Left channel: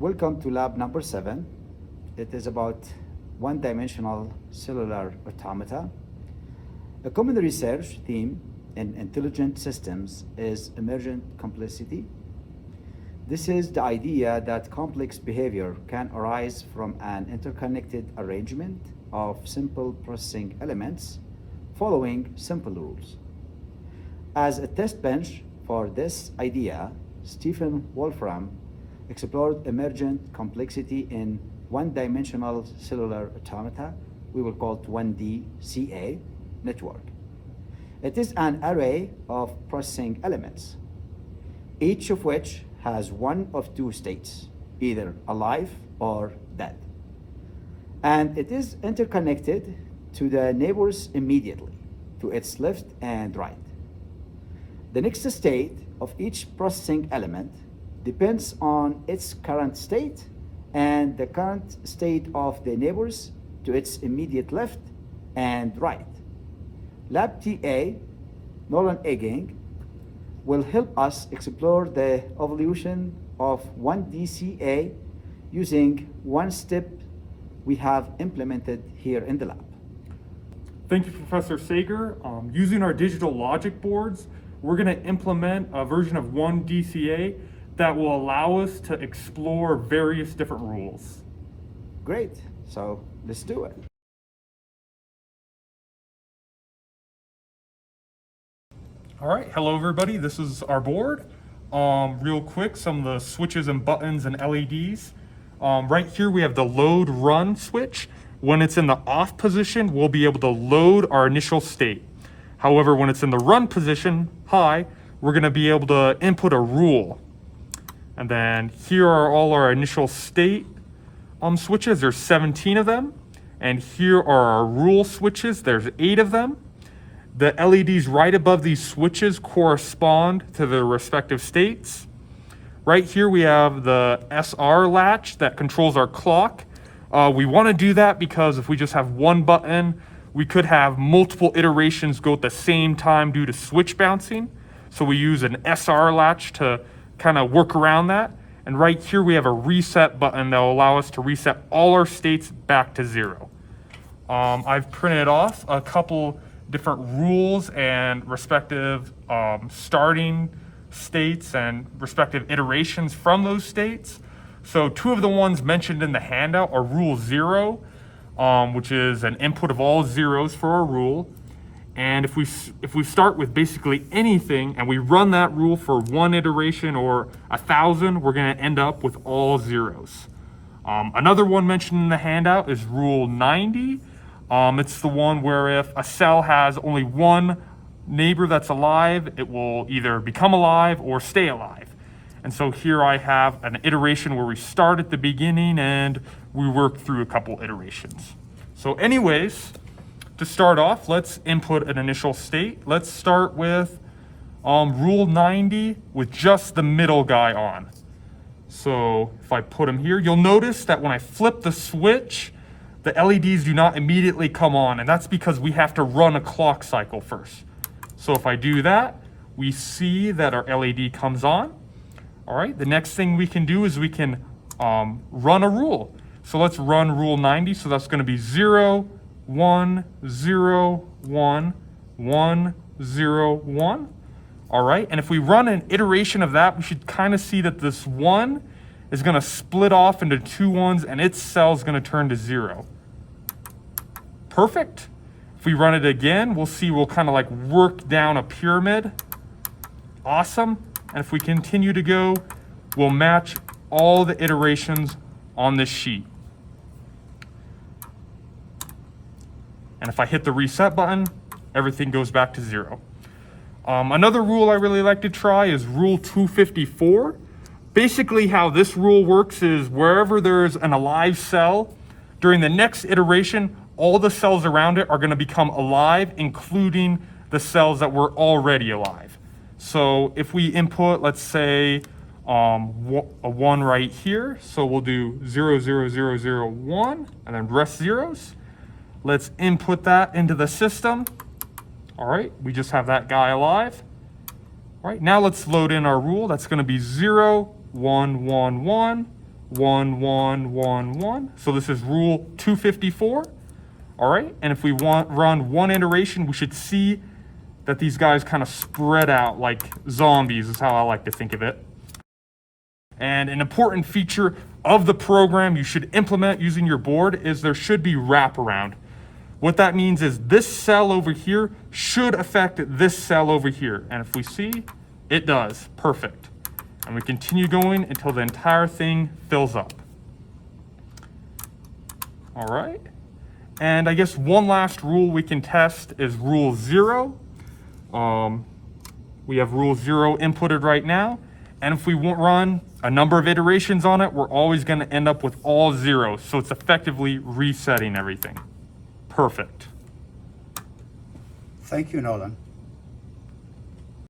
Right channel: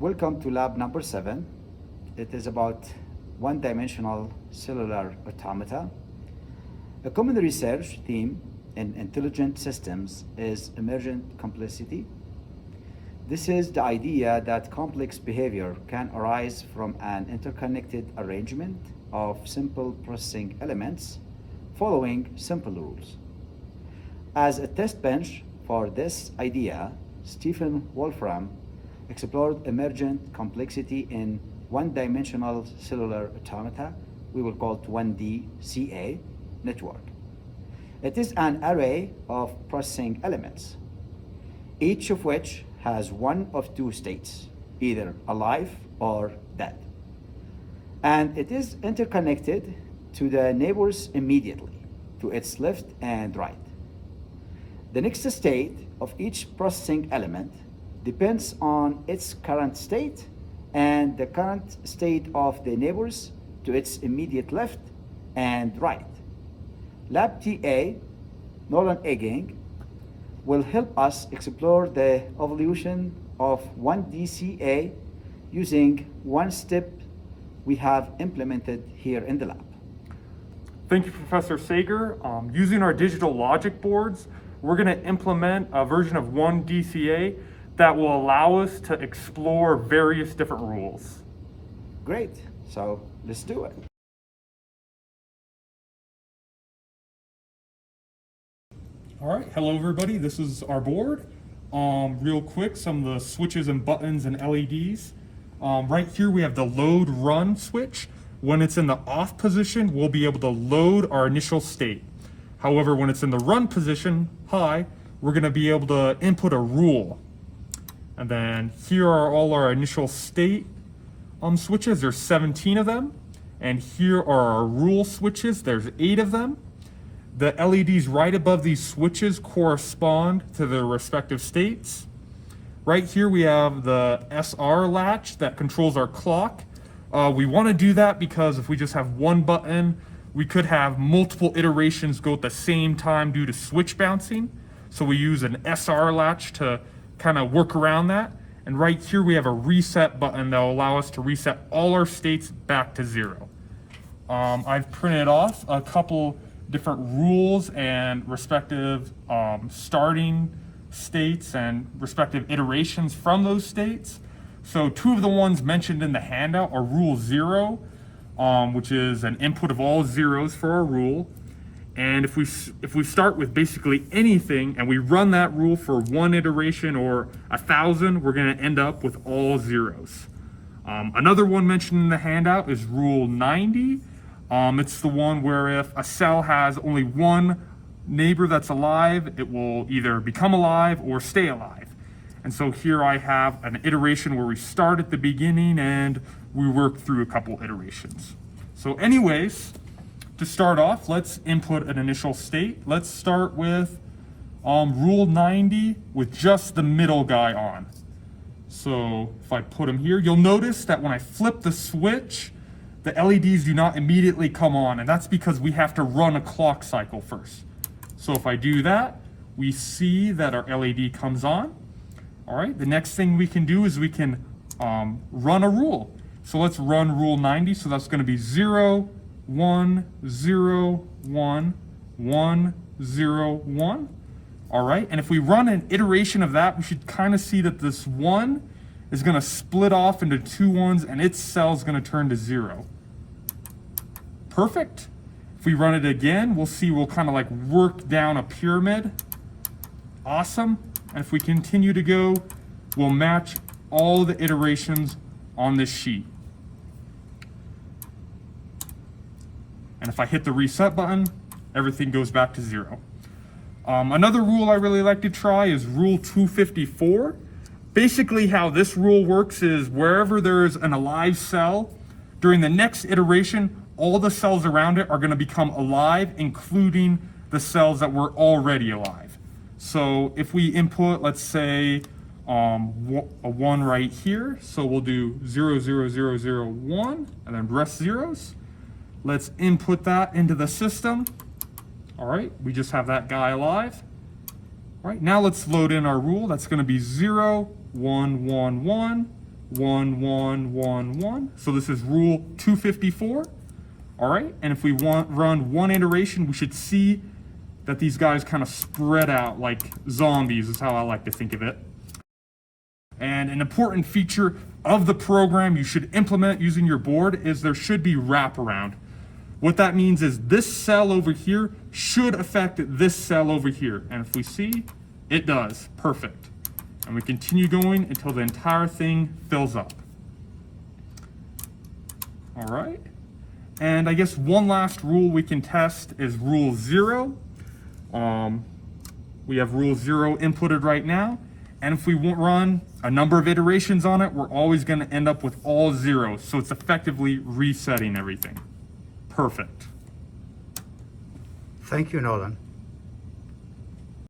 Welcome to lab number 7. It is about one-dimensional cellular automata. A common research theme in intelligent systems is emergent complexity. This is the idea that complex behavior can arise from an interconnected arrangement of simple processing elements following simple rules. As a test bench for this idea, Stephen Wolfram explored emergent complexity in one-dimensional cellular automata, we will call it 1DCA network. It is an array of processing elements, each of which has one of two states, either alive or dead. And it is interconnected to the neighbors immediately, to its left and right. The next state of each processing element depends on its current state and the current state of the neighbors to its immediate left and right. Lab TA, Nolan EENG, will help us explore the evolution of 1DCA using one step we have implemented here in the lab. Thank you, Professor Sager. Using our digital logic boards, we're going to implement a version of 1DCA that will allow us to explore various different rules. Great, so let's do it. All right, hello everybody, this is our board. Real quick, some of the switches and buttons and LEDs. Right here we have the load run switch. When it's in the off position, we'll be able to load our initial state. However, when it's in the run position, high, we're gonna be able to input a rule. And then here are all our initial state switches. There's 17 of them. And here are our rule switches. There's 8 of them. The LEDs right above these switches correspond to their respective states. Right here we have the SR latch that controls our clock. We want to do that because if we just have one button, we could have multiple iterations go at the same time due to switch bouncing. So we use an SR latch to kind of work around that. And right here we have a reset button that will allow us to reset all our states back to 0. I've printed off a couple different rules and respective starting states and respective iterations from those states. So 2 of the ones mentioned in the handout are rule 0, which is an input of all zeros for our rule. And if we start with basically anything and we run that rule for 1 iteration or 1,000, we're going to end up with all zeros. Another one mentioned in the handout is rule 90. It's the one where if a cell has only one neighbor that's alive, it will either become alive or stay alive. And so here I have an iteration where we start at the beginning and we work through a couple iterations. So anyways, to start off, let's input an initial state. Let's start with rule 90 with just the middle guy on. So if I put him here, you'll notice that when I flip the switch, the LEDs do not immediately come on, and that's because we have to run a clock cycle first. So if I do that, we see that our LED comes on. All right, the next thing we can do is we can run a rule. So let's run rule 90, so that's gonna be 0, 1, 0, 1, 1, 0, 1. All right, and if we run an iteration of that, we should kind of see that this 1 is going to split off into 2 ones and its cell is going to turn to 0. Perfect. If we run it again, we'll see we'll kind of like work down a pyramid. Awesome. And if we continue to go, we'll match all the iterations on this sheet. And if I hit the reset button, everything goes back to 0. Another rule I really like to try is rule 254. Basically how this rule works is wherever there's an alive cell, during the next iteration, all the cells around it are going to become alive, including the cells that were already alive. So if we input, let's say, a 1 right here, so we'll do 0, 0, 0, 0, 1, and then rest zeros. Let's input that into the system. All right, we just have that guy alive. All right, now let's load in our rule. That's going to be 0, 1, 1, 1, 1, 1, 1, 1. So this is rule 254. All right, and if we run one iteration, we should see that these guys kind of spread out like zombies is how I like to think of it. And an important feature of the program you should implement using your board is there should be wraparound. What that means is this cell over here should affect this cell over here. And if we see, it does. Perfect. And we continue going until the entire thing fills up. All right. And I guess one last rule we can test is rule 0. We have rule 0 inputted right now. And if we run a number of iterations on it, we're always going to end up with all zeros. So it's effectively resetting everything. Perfect. Thank you, Nolan.